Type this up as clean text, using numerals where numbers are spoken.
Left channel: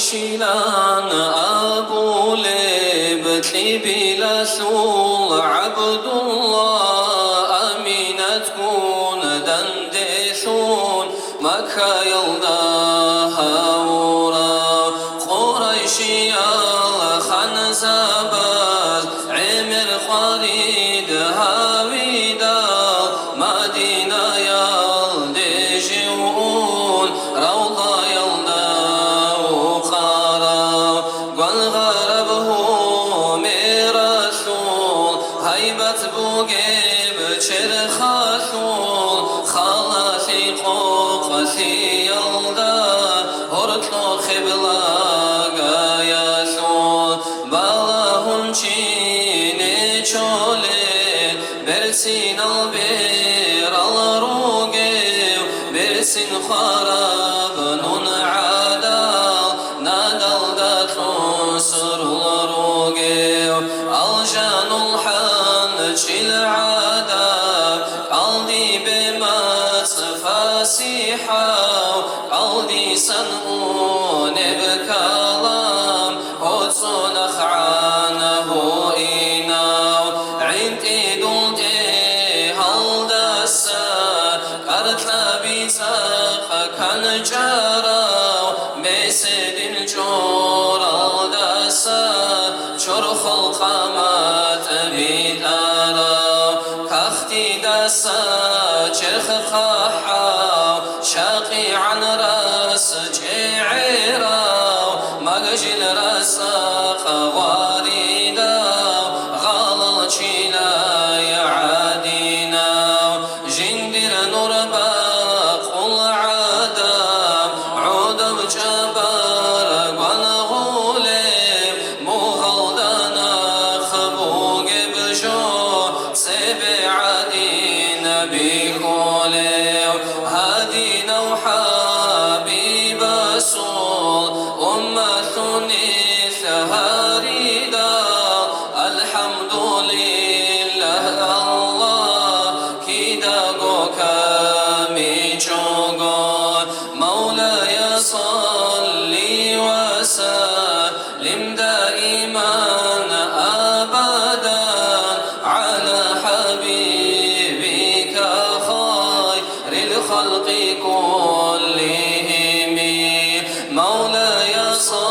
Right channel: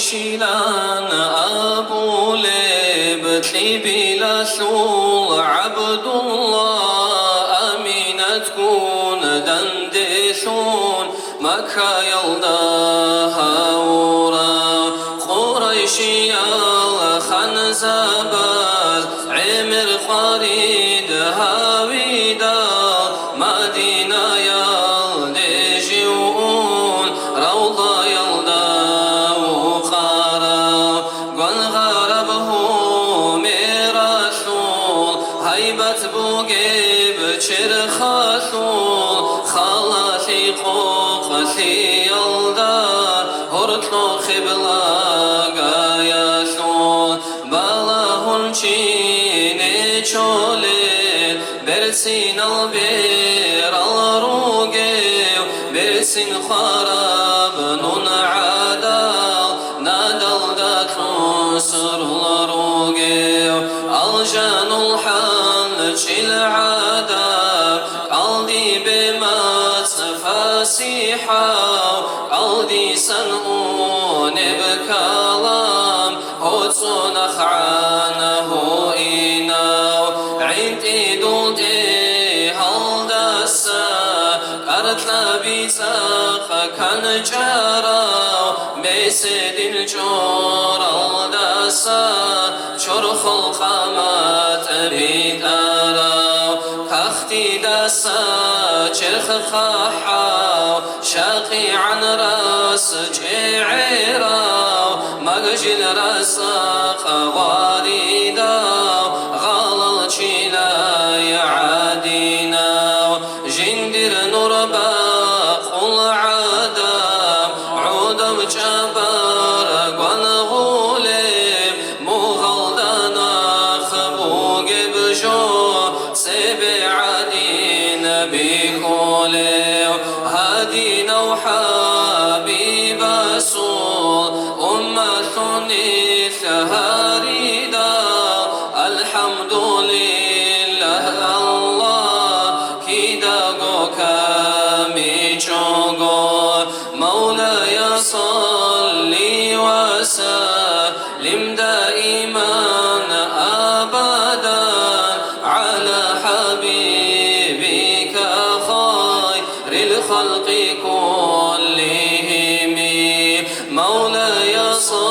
شيلان أبو ليب تليبي لثول عبد الله أمينة تكون دندثون مكة يلداها ورا قريشي الخنزبر عمر قريد هاويدا مدينة يلدجون روضة هيبت بوقي بشر خاثول خلاثي قوقثي يلدار هرتلو خبلا قاياثول بالاهن چيني چولين برسين البير الروقي برسين خراب نون عادال نادل داتو سر الروقي الجان العادة قلبي بما فاسحة قلبي سنون بكلام هوتسون أخعانه إيناو عندي دولتي هالدسا قرتنا بيساق كان جاراو ميسد الجور الدسا شرخ القامات بيتارا كختي دسا جرخ خاحا شاقي عن راس جعيرا مقجل راسا خواريدا غالل جيلا يعادينا جندر نربا قل عادا عود بجبار قل غولم مغلدنا خبوق بجو سبع دين بكولي هادينا وحبيب رسول أمة نثها ريدا الحمد لله الله كيدا قوكامي جوغون مولاي صلي وسلم دائما أبدا على حبيبك خير الخلق كلهم مولاي صل